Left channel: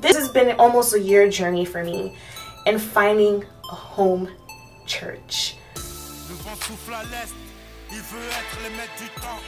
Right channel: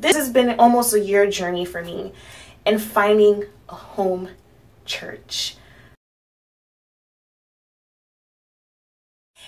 This has been almost a year journey for me in finding a home church.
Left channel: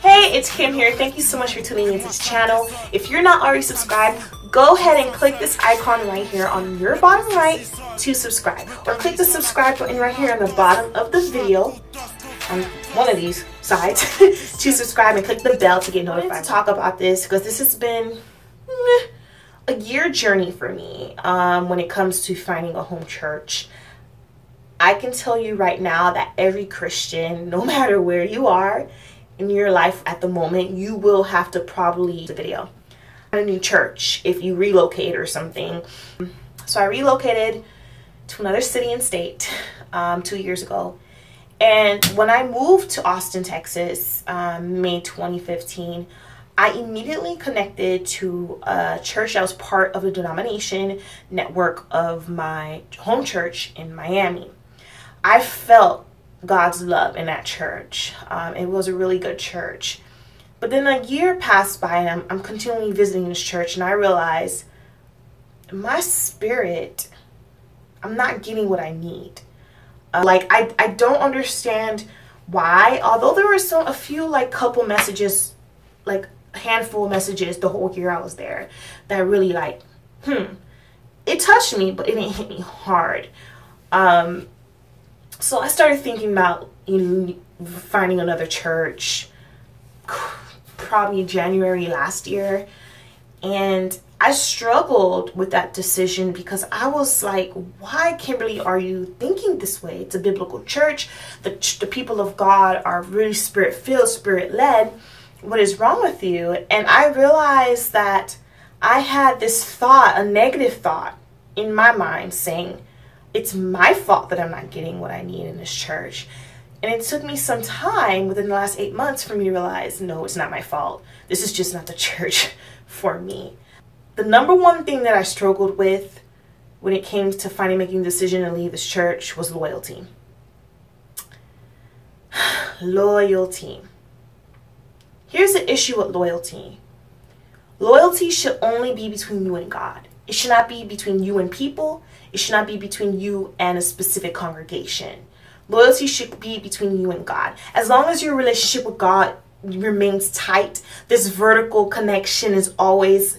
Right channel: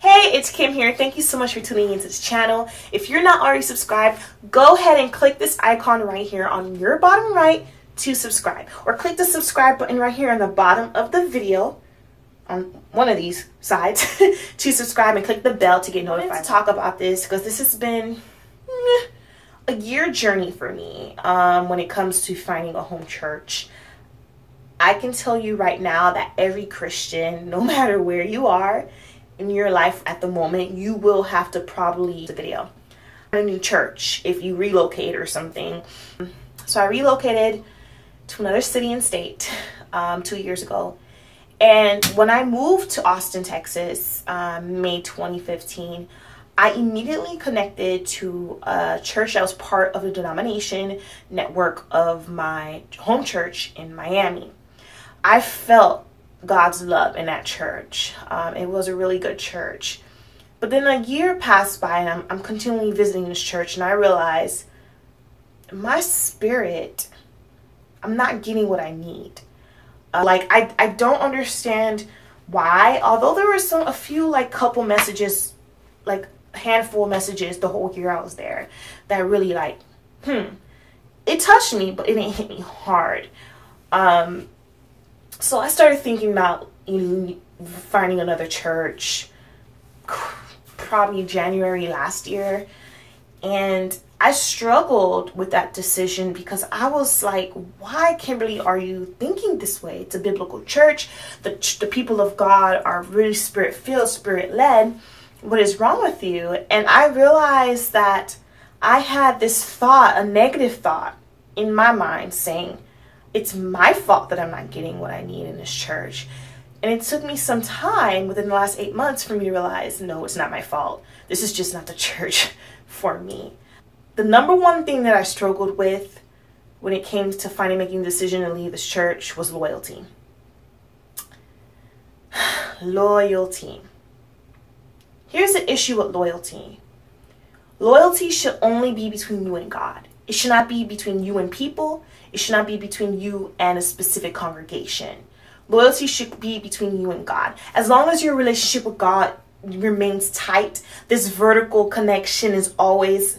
Hey, it's Kim here. Thank you so much for tuning into this channel. If you're not already subscribed, go ahead and click this icon right here on your bottom right to subscribe, or click the subscribe button right here on the bottom of the video on one of these sides to subscribe, and click the bell to get notified. To talk about this because this has been a year journey for me when it comes to finding a home church. I can tell you right now that every Christian, no matter where you are in your life at the moment, you will have to probably find a new church if you relocate or something. So I relocated to another city and state 2 years ago. And when I moved to Austin, Texas, May 2015, I immediately connected to a church that was part of the denomination network of my home church in Miami. I felt God's love in that church. It was a really good church. But then a year passed by and I'm continually visiting this church, and I realized my spirit, I'm not getting what I need. I don't understand why, although there were a few couple messages, a handful of messages the whole year I was there that really it touched me, but it didn't hit me hard. So I started thinking about finding another church probably January last year, and I struggled with that decision because I was like, why, Kimberly, are you thinking this way? It's a biblical church. The people of God are really spirit-filled, spirit-led. What is wrong with you? And I realized that I had this thought, a negative thought in my mind saying, it's my fault that I'm not getting what I need in this church. And it took me some time within the last 8 months for me to realize, no, it's not my fault. This is just not the church for me. The number one thing that I struggled with when it came to making a decision to leave this church was loyalty. Loyalty. Here's the issue with loyalty. Loyalty should only be between you and God. It should not be between you and people. It should not be between you and a specific congregation. Loyalty should be between you and God. As long as your relationship with God remains tight, this vertical connection is always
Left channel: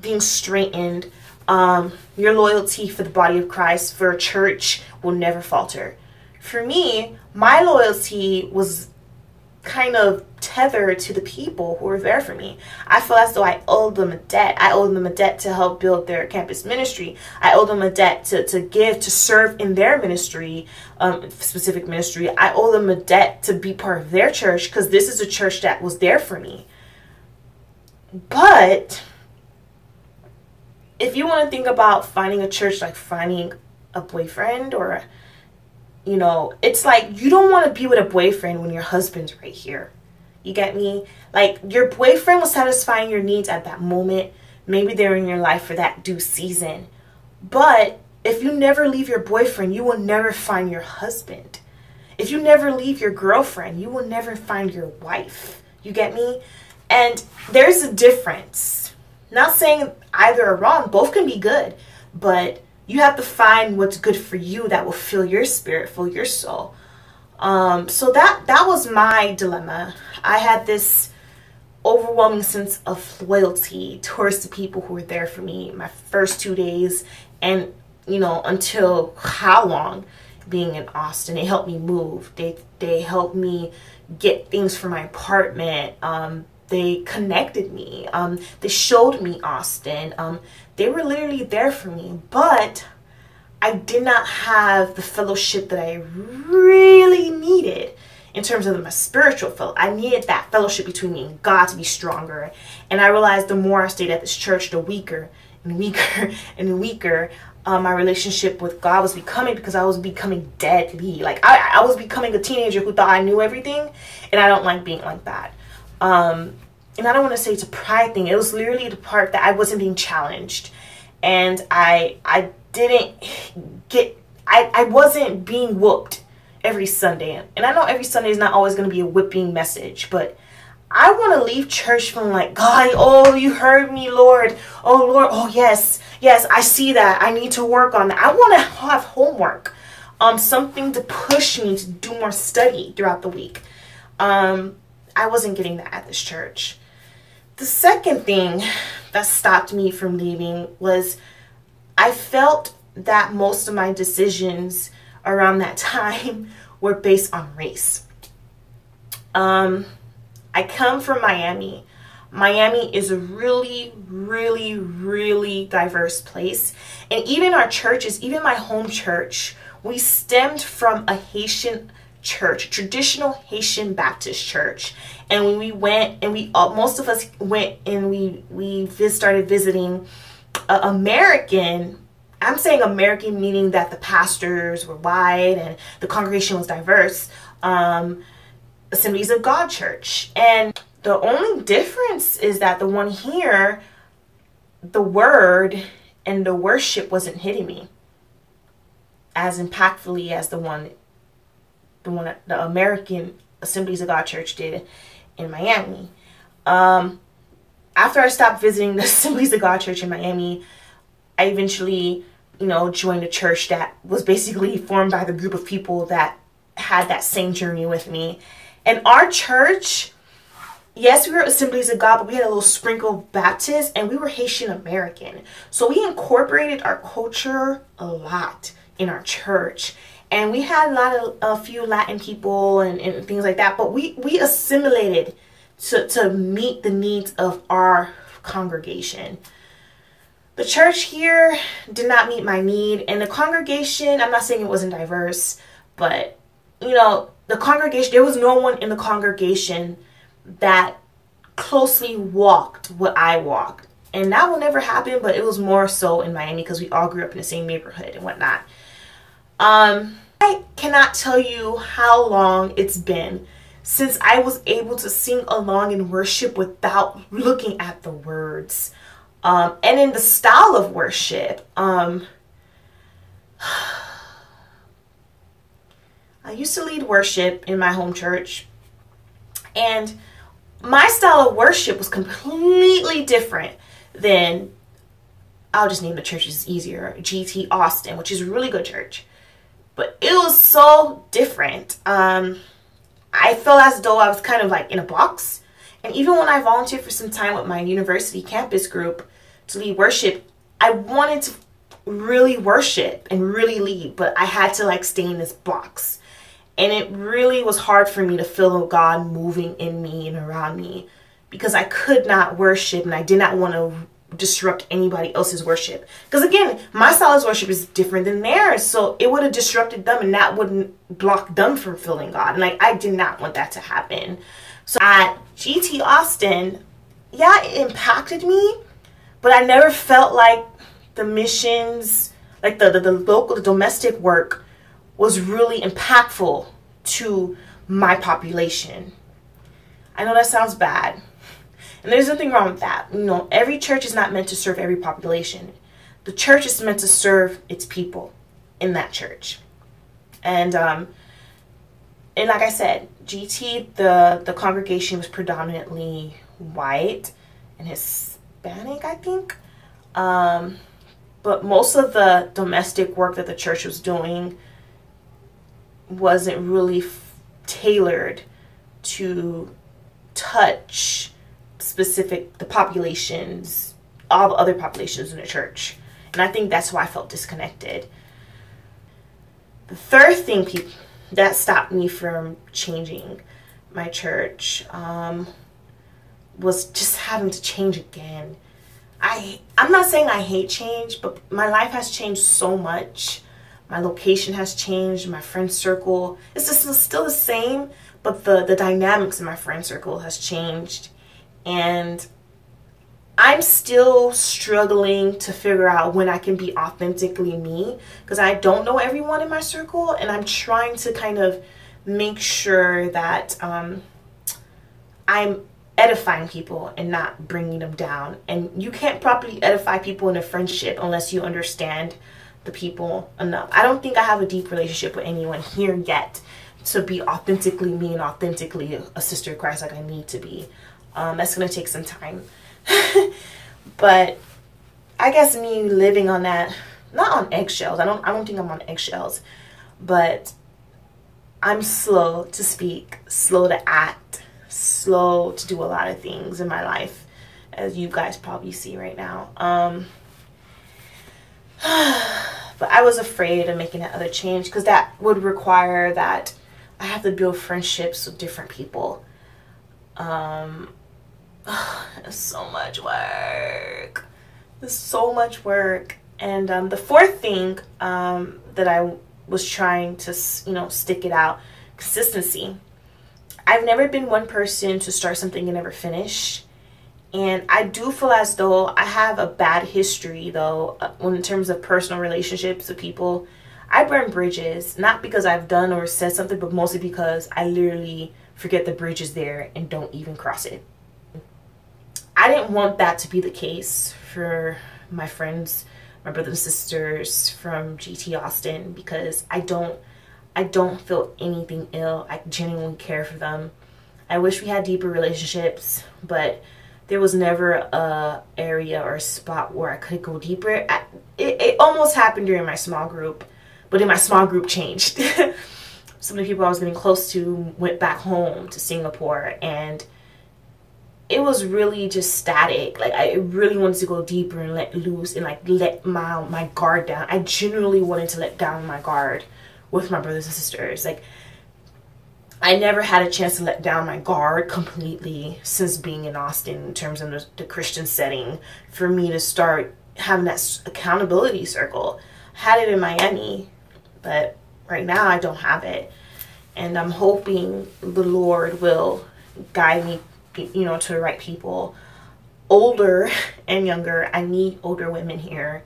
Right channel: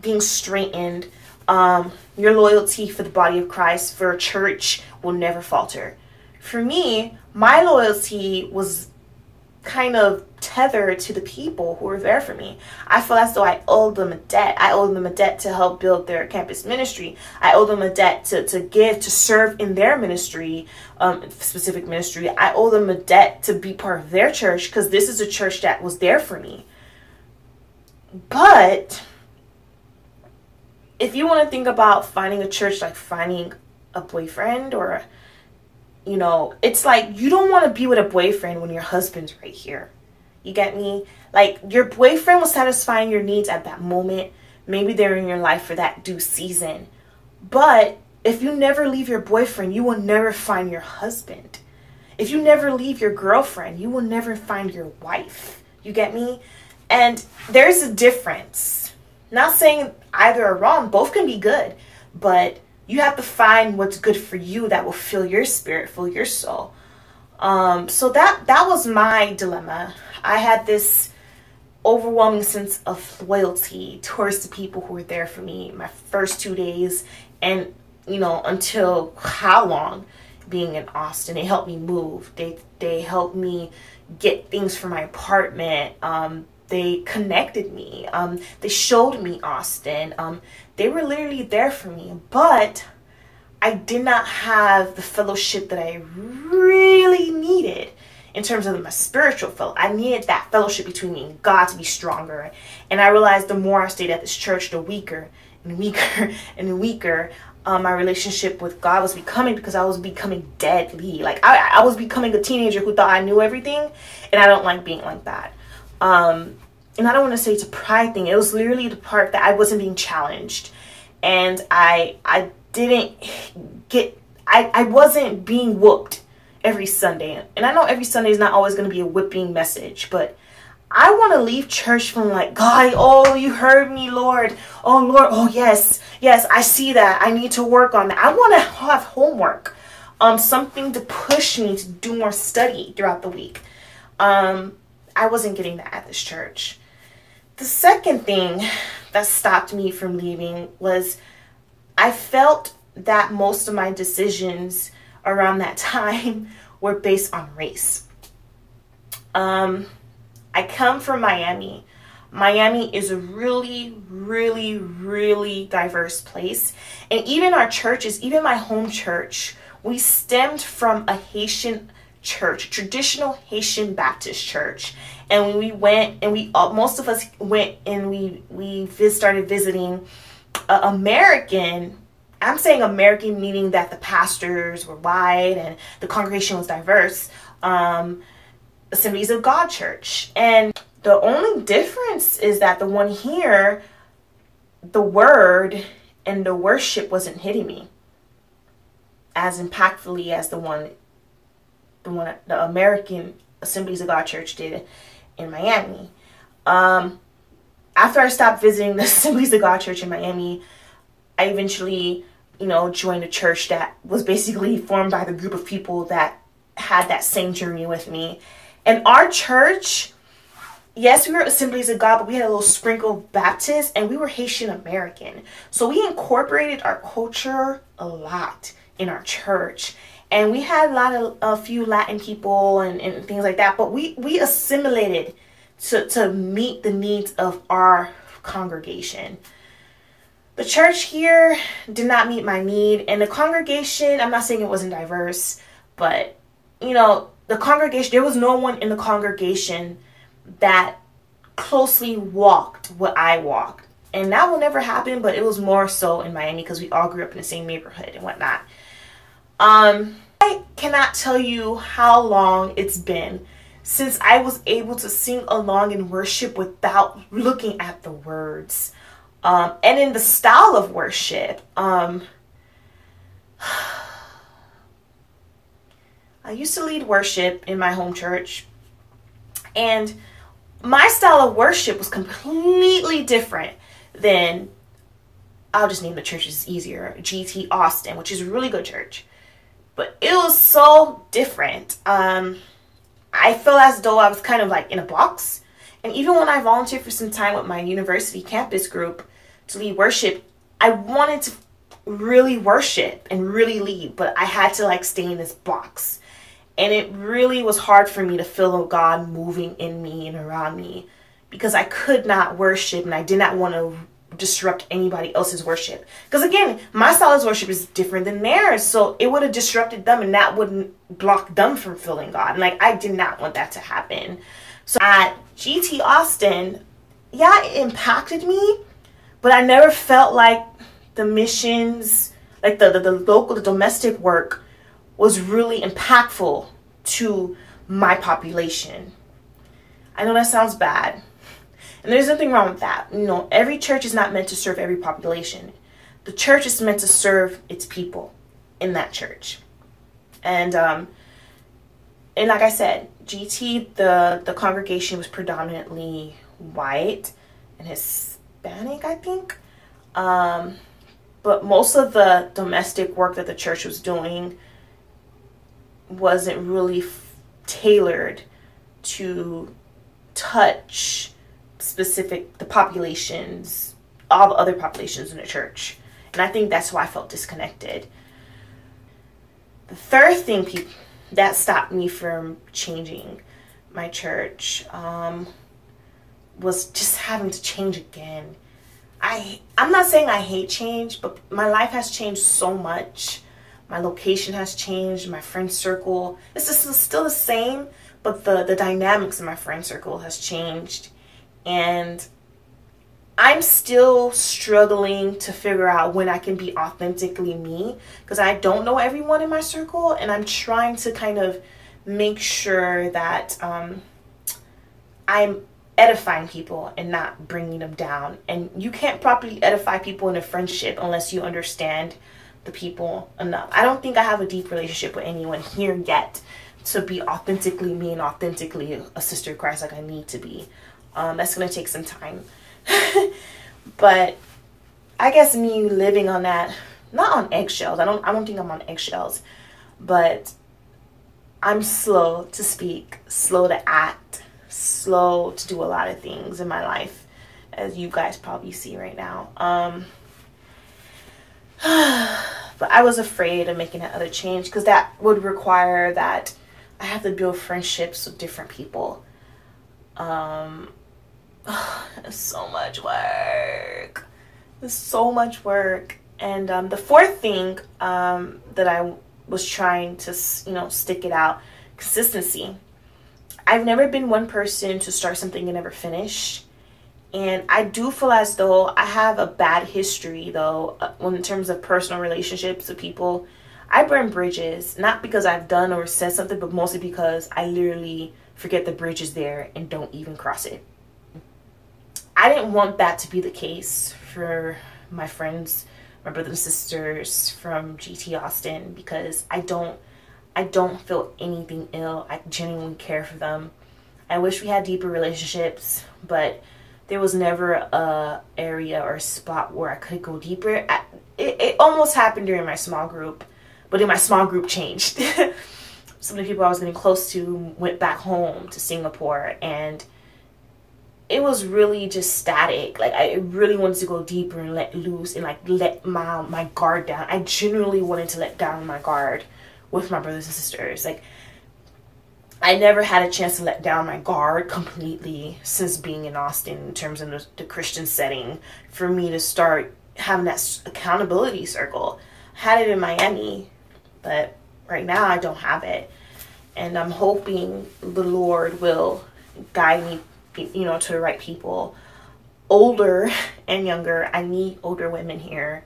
being straightened. Your loyalty for the body of Christ, for a church, will never falter. For me, my loyalty was kind of tethered to the people who were there for me. I feel as though I owed them a debt. I owed them a debt to help build their campus ministry. I owed them a debt to give, to serve in their ministry, specific ministry. I owe them a debt to be part of their church because this is a church that was there for me. But if you want to think about finding a church like finding a boyfriend, or it's like you don't want to be with a boyfriend when your husband's right here. You get me? Like, your boyfriend was satisfying your needs at that moment. Maybe they're in your life for that due season. But if you never leave your boyfriend, you will never find your husband. If you never leave your girlfriend, you will never find your wife. You get me? And there's a difference. Not saying either are wrong. Both can be good. But you have to find what's good for you that will fill your spirit, fill your soul. So that was my dilemma. I had this overwhelming sense of loyalty towards the people who were there for me my first 2 days, and until how long being in Austin. They helped me move. They helped me get things for my apartment. They connected me. They showed me Austin. They were literally there for me, but I did not have the fellowship that I really needed in terms of my spiritual fellowship. I needed that fellowship between me and God to be stronger. And I realized the more I stayed at this church, the weaker and weaker and weaker my relationship with God was becoming, because I was becoming deadly. Like I was becoming a teenager who thought I knew everything, and I don't like being like that. And I don't want to say it's a pride thing. It was literally the part that I wasn't being challenged, and I wasn't being whooped every Sunday. And I know every Sunday is not always going to be a whipping message, but I want to leave church feeling like, God, oh, you heard me, Lord. Oh, Lord, oh, yes, I see that. I need to work on that. I want to have homework, something to push me to do more study throughout the week. I wasn't getting that at this church. The second thing that stopped me from leaving was I felt that most of my decisions around that time were based on race. I come from Miami. Miami is a really, really, really diverse place. And even our churches, even my home church, we stemmed from a Haitian church, traditional Haitian Baptist church. And when we went, and most of us went and we started visiting American, I'm saying American meaning that the pastors were white and the congregation was diverse, Assemblies of God church. And the only difference is that the one here, the word and the worship wasn't hitting me as impactfully as the American Assemblies of God church did in Miami. After I stopped visiting the Assemblies of God church in Miami, I eventually, joined a church that was basically formed by the group of people that had that same journey with me. And our church, yes, we were Assemblies of God, but we had a little sprinkle of Baptist, and we were Haitian American. So we incorporated our culture a lot in our church. And we had a few Latin people and things like that, but we assimilated to meet the needs of our congregation. The church here did not meet my need, and the congregation, I'm not saying it wasn't diverse, but the congregation, there was no one in the congregation that closely walked what I walked. And that will never happen, but it was more so in Miami because we all grew up in the same neighborhood and whatnot. I cannot tell you how long it's been since I was able to sing along in worship without looking at the words. And in the style of worship, I used to lead worship in my home church, and my style of worship was completely different than, I'll just name the churches easier, GT Austin, which is a really good church. But it was so different. I felt as though I was kind of like in a box. And even when I volunteered for some time with my university campus group to lead worship, I wanted to really worship and really lead, but I had to stay in this box. And it really was hard for me to feel God moving in me and around me because I could not worship and I did not want to disrupt anybody else's worship. Because again, my style of worship is different than theirs. So it would have disrupted them and that wouldn't block them from feeling God. And I did not want that to happen. So at GT Austin, yeah, it impacted me, but I never felt like the missions, like the local, the domestic work was really impactful to my population. I know that sounds bad. And there's nothing wrong with that. Every church is not meant to serve every population. The church is meant to serve its people in that church. And like I said, GT, the congregation was predominantly white and Hispanic, I think. But most of the domestic work that the church was doing wasn't really tailored to touch the populations, all the other populations in the church. And I think that's why I felt disconnected. The third thing that stopped me from changing my church was just having to change again. I'm not saying I hate change, but my life has changed so much. My location has changed. My friend circle is still the same, but the dynamics in my friend circle has changed. And I'm still struggling to figure out when I can be authentically me, because I don't know everyone in my circle, and I'm trying to kind of make sure that I'm edifying people and not bringing them down. And you can't properly edify people in a friendship unless you understand the people enough. I don't think I have a deep relationship with anyone here yet to be authentically me and authentically a sister of Christ like I need to be. That's gonna take some time. But I guess me living on that, not on eggshells. I don't think I'm on eggshells, but I'm slow to speak, slow to act, slow to do a lot of things in my life, as you guys probably see right now. But I was afraid of making that other change because that would require that I have to build friendships with different people. It's so much work. It's so much work. And the fourth thing that I was trying to, stick it out, consistency. I've never been one person to start something and never finish. And I do feel as though I have a bad history, though, in terms of personal relationships with people. I burn bridges, not because I've done or said something, but mostly because I literally forget the bridge is there and don't even cross it. I didn't want that to be the case for my friends, my brothers and sisters from GT Austin, because I don't feel anything ill. I genuinely care for them. I wish we had deeper relationships, but there was never a area or a spot where I could go deeper. It almost happened during my small group, but then my small group changed. Some of the people I was getting close to went back home to Singapore, and it was really just static. Like, I really wanted to go deeper and let loose and like let my guard down. I genuinely wanted to let down my guard with my brothers and sisters. Like, I never had a chance to let down my guard completely since being in Austin in terms of the Christian setting for me to start having that accountability circle. I had it in Miami, but right now I don't have it. And I'm hoping the Lord will guide me, to the right people, older and younger. I need older women here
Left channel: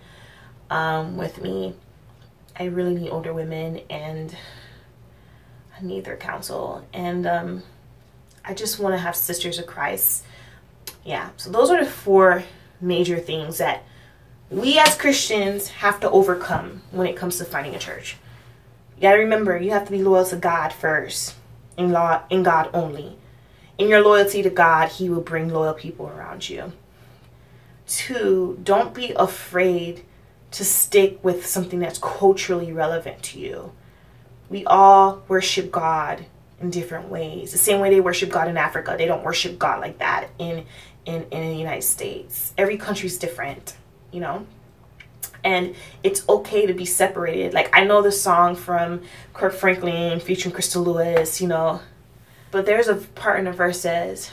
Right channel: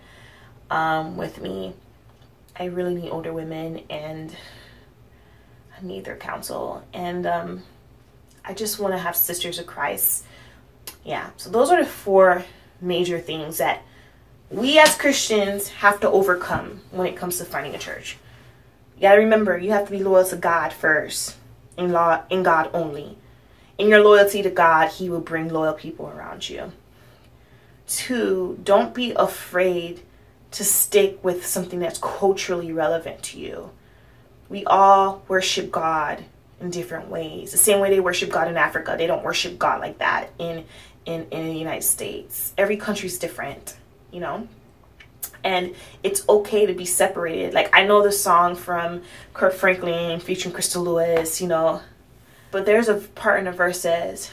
with me. I really need older women, and I need their counsel. And I just want to have sisters of Christ. Yeah, so those are the 4 major things that we as Christians have to overcome when it comes to finding a church. You gotta remember, you have to be loyal to God first, in God only. In your loyalty to God, He will bring loyal people around you. 2, don't be afraid to stick with something that's culturally relevant to you. We all worship God in different ways. The same way they worship God in Africa, they don't worship God like that in the United States. Every country's different, and it's okay to be separated. Like, I know the song from Kirk Franklin featuring Crystal Lewis, but there's a part in the verse says,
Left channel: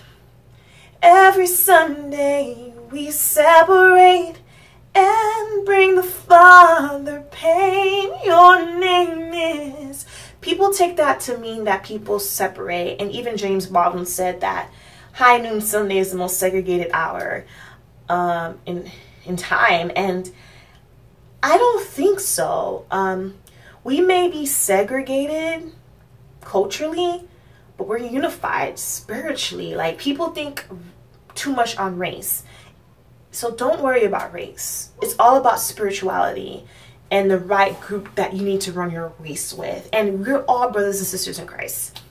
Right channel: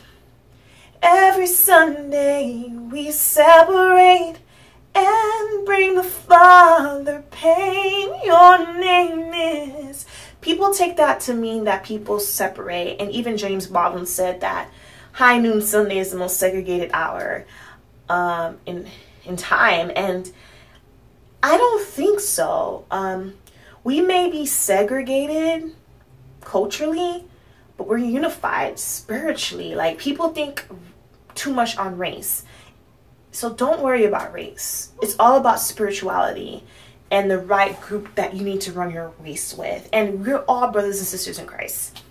every Sunday we separate and bring the Father pain. Your name is. People take that to mean that people separate. And even James Baldwin said that high noon Sunday is the most segregated hour in time. And I don't think so. We may be segregated culturally, but we're unified spiritually. Like, people think too much on race. So don't worry about race. It's all about spirituality and the right group that you need to run your race with. And we're all brothers and sisters in Christ.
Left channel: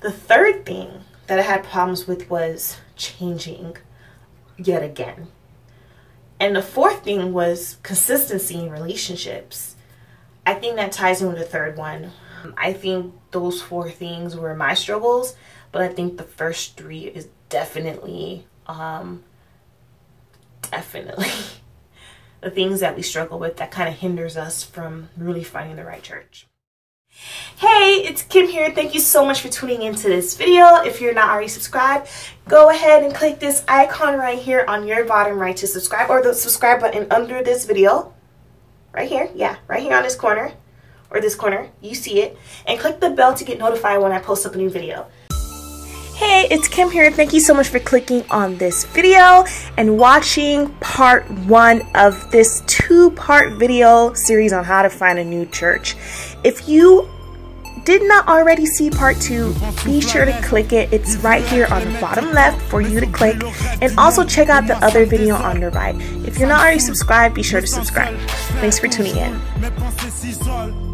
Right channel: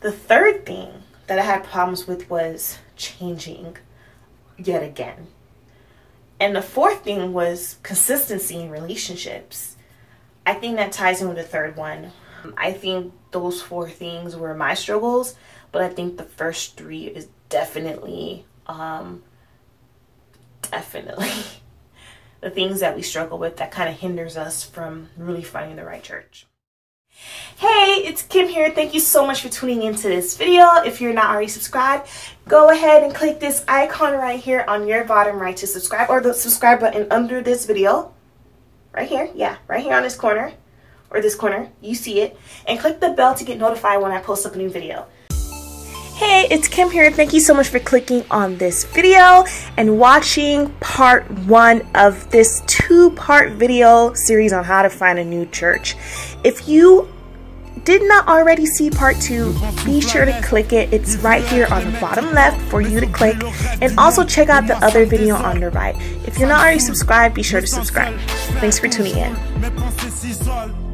The third thing that I had problems with was changing yet again. And the fourth thing was consistency in relationships. I think that ties in with the third one. I think those 4 things were my struggles, but I think the first 3 is definitely the things that we struggle with that kind of hinders us from really finding the right church. Hey, it's Kim here. Thank you so much for tuning into this video. If you're not already subscribed, go ahead and click this icon right here on your bottom right to subscribe, or the subscribe button under this video. Right here. Yeah, right here on this corner, or this corner. You see it. And click the bell to get notified when I post up a new video. Hey, it's Kim here. Thank you so much for clicking on this video and watching part 1 of this 2-part video series on how to find a new church. If you did not already see part 2, be sure to click it. It's right here on the bottom left for you to click, and also check out the other video on the right. If you're not already subscribed, be sure to subscribe. Thanks for tuning in.